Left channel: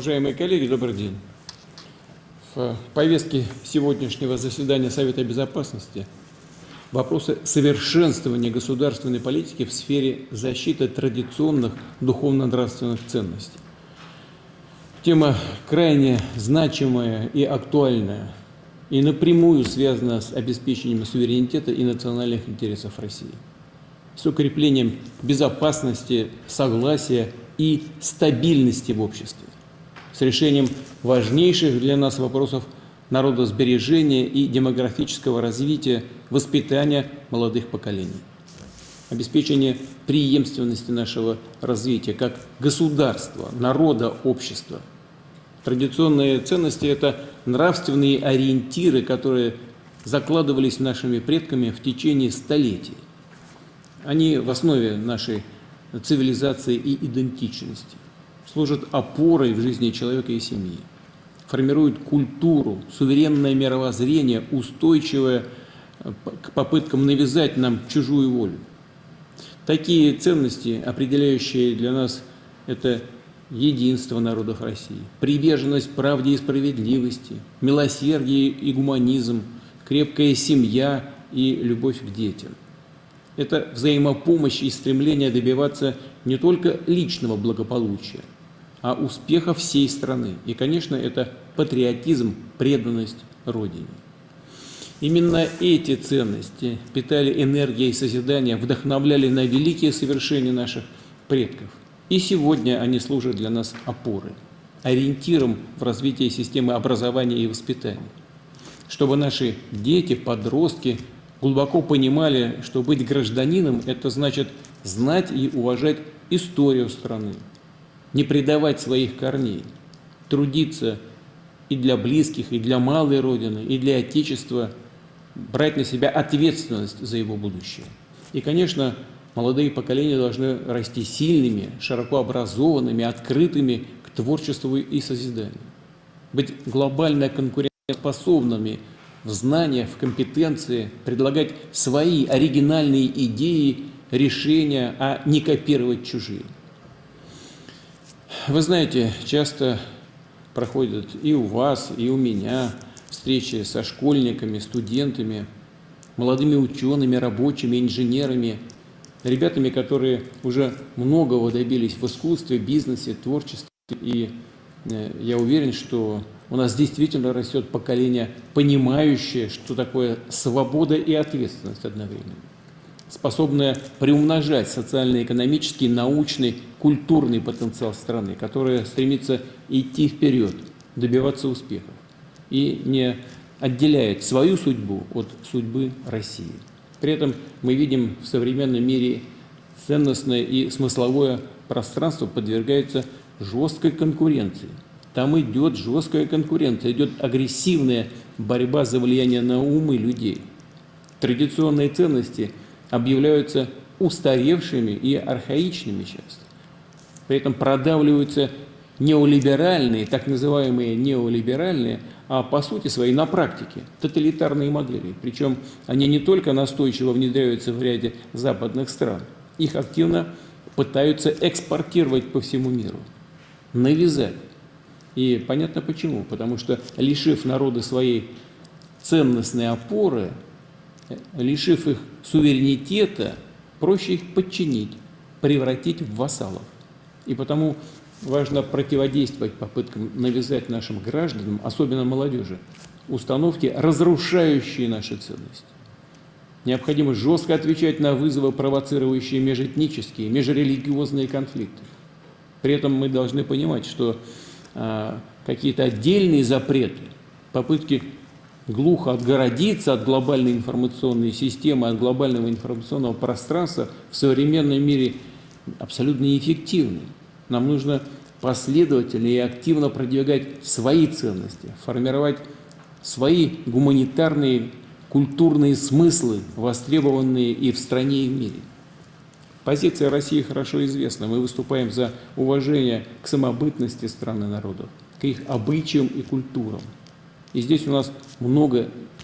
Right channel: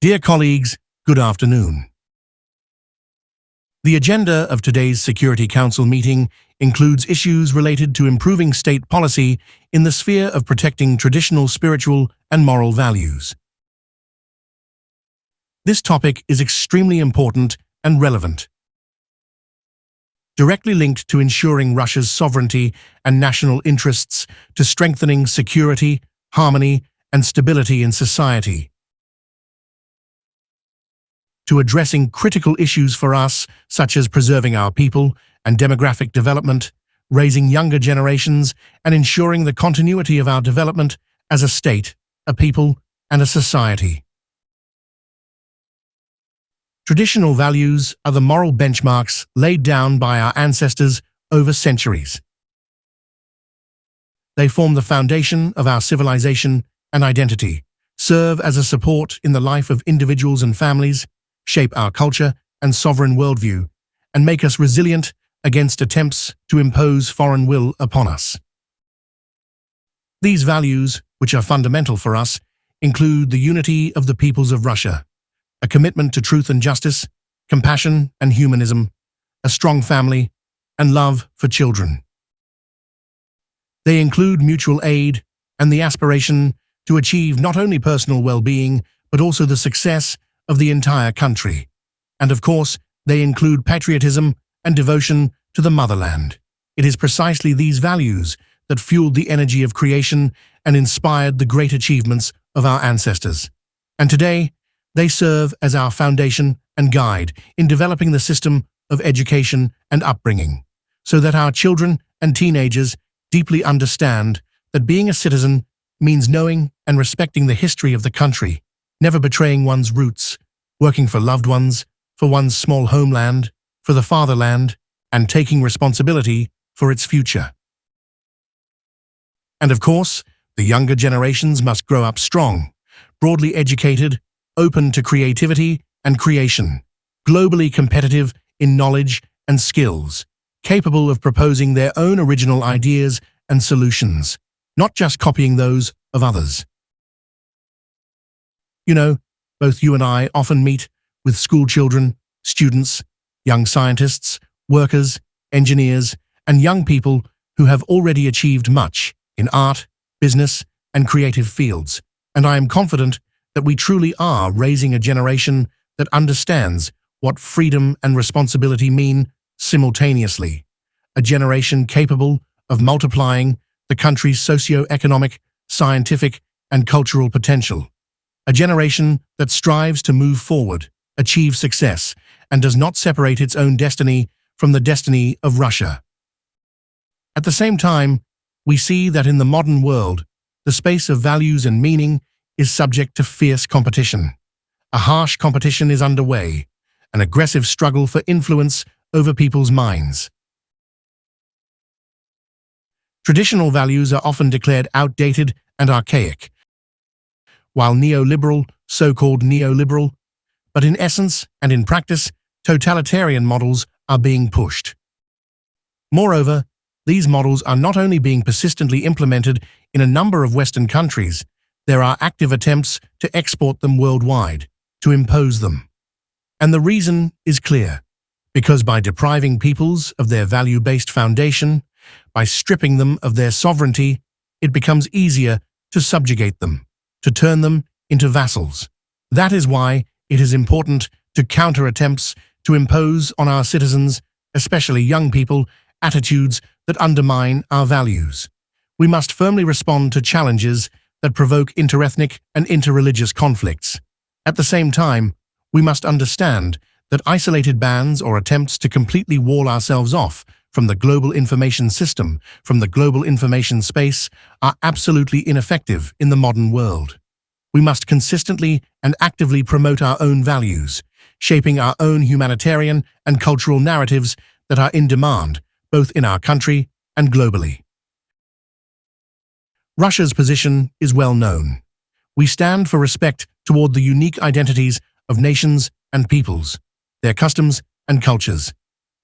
Dear colleagues, good afternoon. The agenda of today's Security Council meeting includes issues related to improving state policy in the sphere of protecting traditional spiritual and moral values. This topic is extremely important and relevant, directly linked to ensuring Russia's sovereignty and national interests, to strengthening security, harmony, and stability in society, to addressing critical issues for us, such as preserving our people and demographic development, raising younger generations, and ensuring the continuity of our development as a state, a people, and a society. Traditional values are the moral benchmarks laid down by our ancestors over centuries. They form the foundation of our civilization and identity, serve as a support in the life of individuals and families, shape our culture and sovereign worldview, and make us resilient against attempts to impose foreign will upon us. These values, which are fundamental for us, include the unity of the peoples of Russia, a commitment to truth and justice, compassion and humanism, a strong family, and love for children. They include mutual aid and the aspiration to achieve not only personal well-being, but also the success of the entire country. And of course, they include patriotism and devotion to the motherland. It is precisely these values that fueled the energy of creation and inspired the great achievements of our ancestors. And today, they serve as our foundation and guide in developing the system of education and upbringing, so that our children and teenagers deeply understand that being a citizen means knowing and respecting the history of the country, never betraying one's roots, working for loved ones, for one's small homeland, for the fatherland, and taking responsibility for its future. And of course, the younger generations must grow up strong, broadly educated, open to creativity and creation, globally competitive in knowledge and skills, capable of proposing their own original ideas and solutions, not just copying those of others. You know, both you and I often meet with school children, students, young scientists, workers, engineers, and young people who have already achieved much in art, business, and creative fields. And I am confident that we truly are raising a generation that understands what freedom and responsibility mean simultaneously, a generation capable of multiplying the country's socio-economic, scientific, and cultural potential. A generation that strives to move forward, achieve success, and does not separate its own destiny from the destiny of Russia. At the same time, we see that in the modern world, the space of values and meaning is subject to fierce competition. A harsh competition is underway, an aggressive struggle for influence over people's minds. Traditional values are often declared outdated and archaic, while neoliberal, so-called neoliberal, but in essence and in practice, totalitarian models are being pushed. Moreover, these models are not only being persistently implemented in a number of Western countries, there are active attempts to export them worldwide, to impose them. And the reason is clear. Because by depriving peoples of their value-based foundation, by stripping them of their sovereignty, it becomes easier to subjugate them, to turn them into vassals. That is why it is important to counter attempts to impose on our citizens, especially young people, attitudes that undermine our values. We must firmly respond to challenges that provoke interethnic and interreligious conflicts. At the same time, we must understand that isolated bans or attempts to completely wall ourselves off from the global information system, from the global information space, are absolutely ineffective in the modern world. We must consistently and actively promote our own values, shaping our own humanitarian and cultural narratives that are in demand, both in our country and globally. Russia's position is well known. We stand for respect toward the unique identities of nations and peoples, their customs and cultures.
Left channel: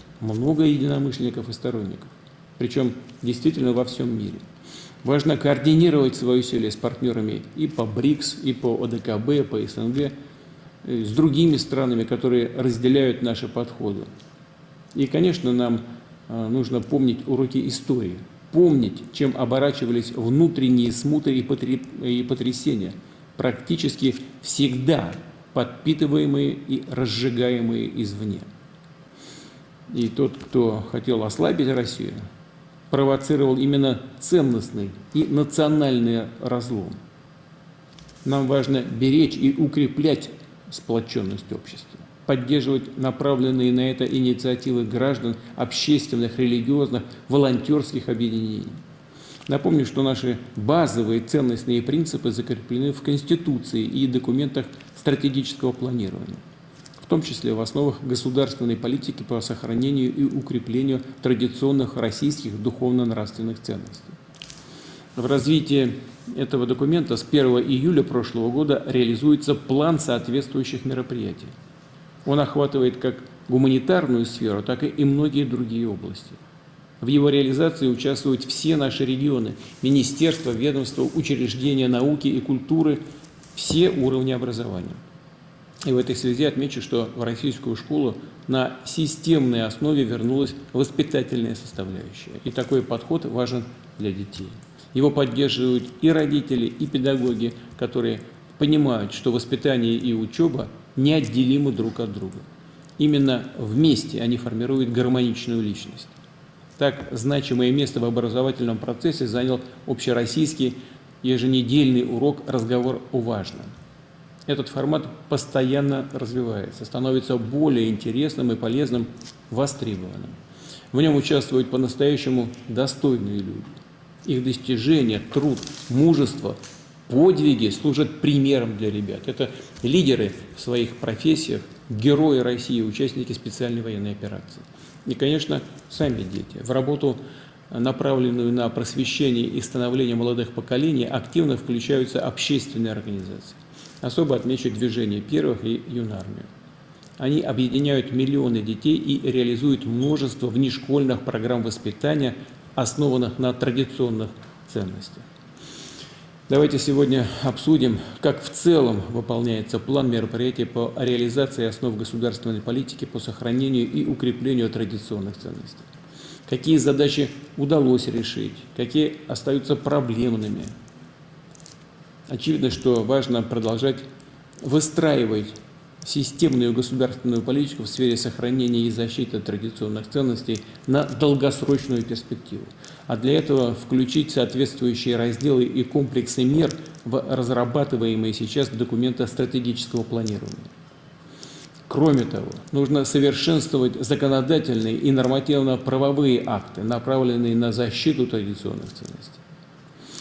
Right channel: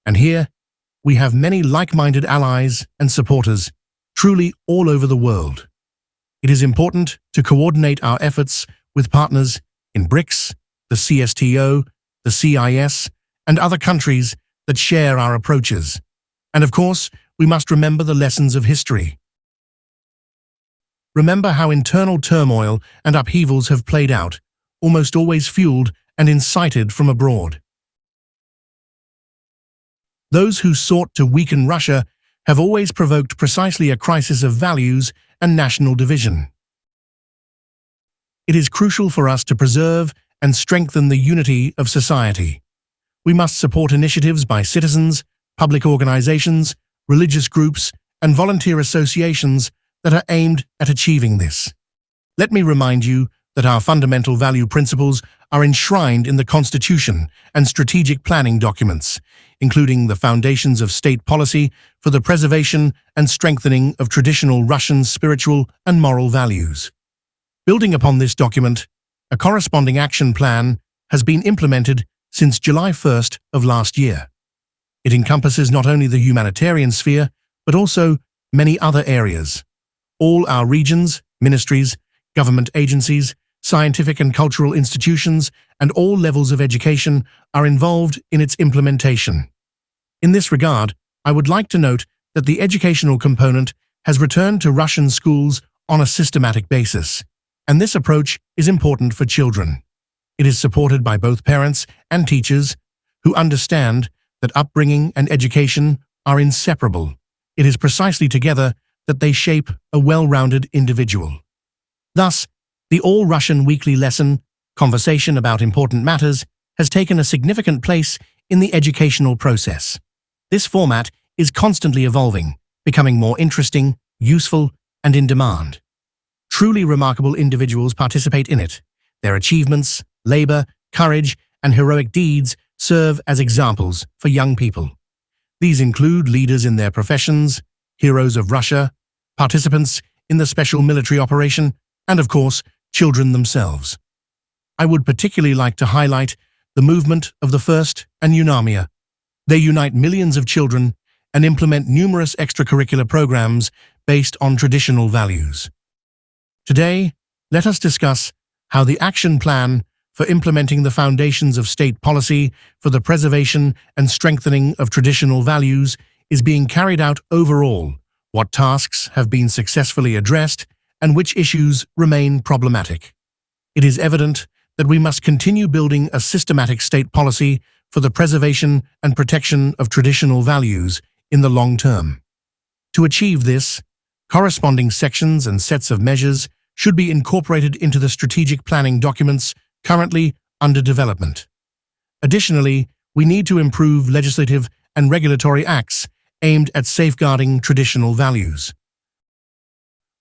And here, we have many like-minded allies and supporters, truly all over the world. It is important to coordinate our efforts with partners in BRICS, the CSTO, the CIS, and other countries that share our approaches. And of course, we must remember the lessons of history. Remember how internal turmoil and upheavals have played out, almost always fueled and incited from abroad. Those who sought to weaken Russia have always provoked precisely a crisis of values and national division. It is crucial for us to preserve and strengthen the unity of society. We must support initiatives by citizens, public organizations, religious groups, and volunteer associations that are aimed at achieving this. Let me remind you that our fundamental value principles are enshrined in the Constitution and strategic planning documents, including the foundations of state policy for the preservation and strengthening of traditional Russian spiritual and moral values. Building upon this document, a corresponding action plan has been implemented since July 1st of last year. It encompasses not only the humanitarian sphere, but also many other areas. All our regions, ministries, government agencies, scientific and cultural institutions, and all levels of education are involved in its implementation. In this regard, I would like to note that the educational component has returned to Russian schools on a systematic basis, and this approach is important for children. It is supported by both parents and teachers who understand that upbringing and education are inseparable. It is precisely together that they shape a well-rounded individual. Thus, the All-Russian Weekly Lesson, Conversation about Important Matters, has taken a significant place in the educational process. This format is constantly evolving, becoming more interesting, useful, and in demand. Truly remarkable individuals participate in it. Their achievements, labor, courage, and heroic deeds serve as examples for young people. These include leaders in their professions, heroes of Russia, participants in the special military operation, and of course, children themselves. I would particularly like to highlight the movement of the First and UNAMIA. They unite millions of children and implement numerous extracurricular programs based on traditional values. Today, let us discuss how the action plan for implementing the foundations of state policy for the preservation and strengthening of traditional values is being carried out overall, what tasks have been successfully addressed, and which issues remain problematic. It is evident that we must continue building a systematic state policy for the preservation and protection of traditional values in the long term. To achieve this, corresponding sections and sets of measures should be incorporated into the strategic planning documents currently under development. Additionally, we need to improve legislative and regulatory acts aimed at safeguarding traditional values.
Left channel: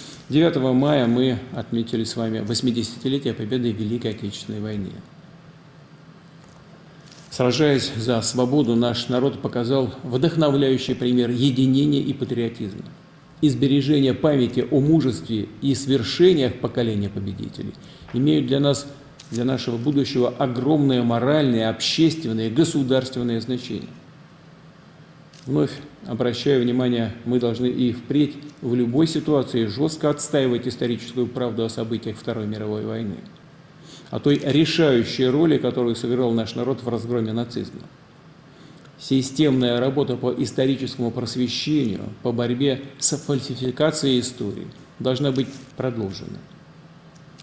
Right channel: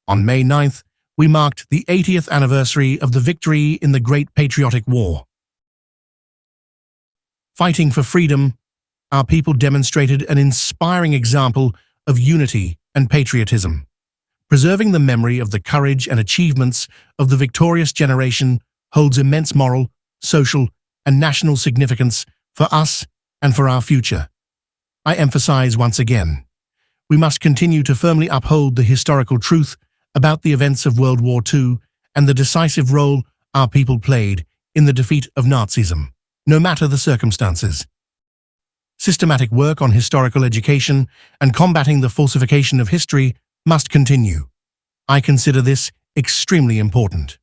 On May 9th, we marked the 80th anniversary of the victory in the Great Patriotic War. Fighting for freedom, our people demonstrated an inspiring example of unity and patriotism. Preserving the memory of the courage and achievements of the victorious generation holds immense moral, social, and national significance for us and for our future. I emphasize once again, we must continue to firmly uphold the historical truth about the events of World War II and the decisive role our people played in the defeat of Nazism, no matter the circumstances. Systematic work on historical education and combating the falsification of history must continue. I consider this extremely important.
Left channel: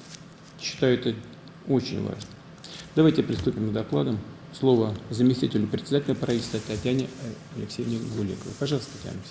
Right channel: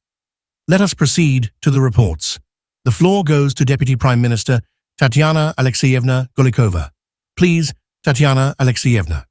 Let us proceed to the reports. The floor goes to Deputy Prime Minister Tatyana Alexeyevna Golikova. Please, Tatyana Alexeyevna.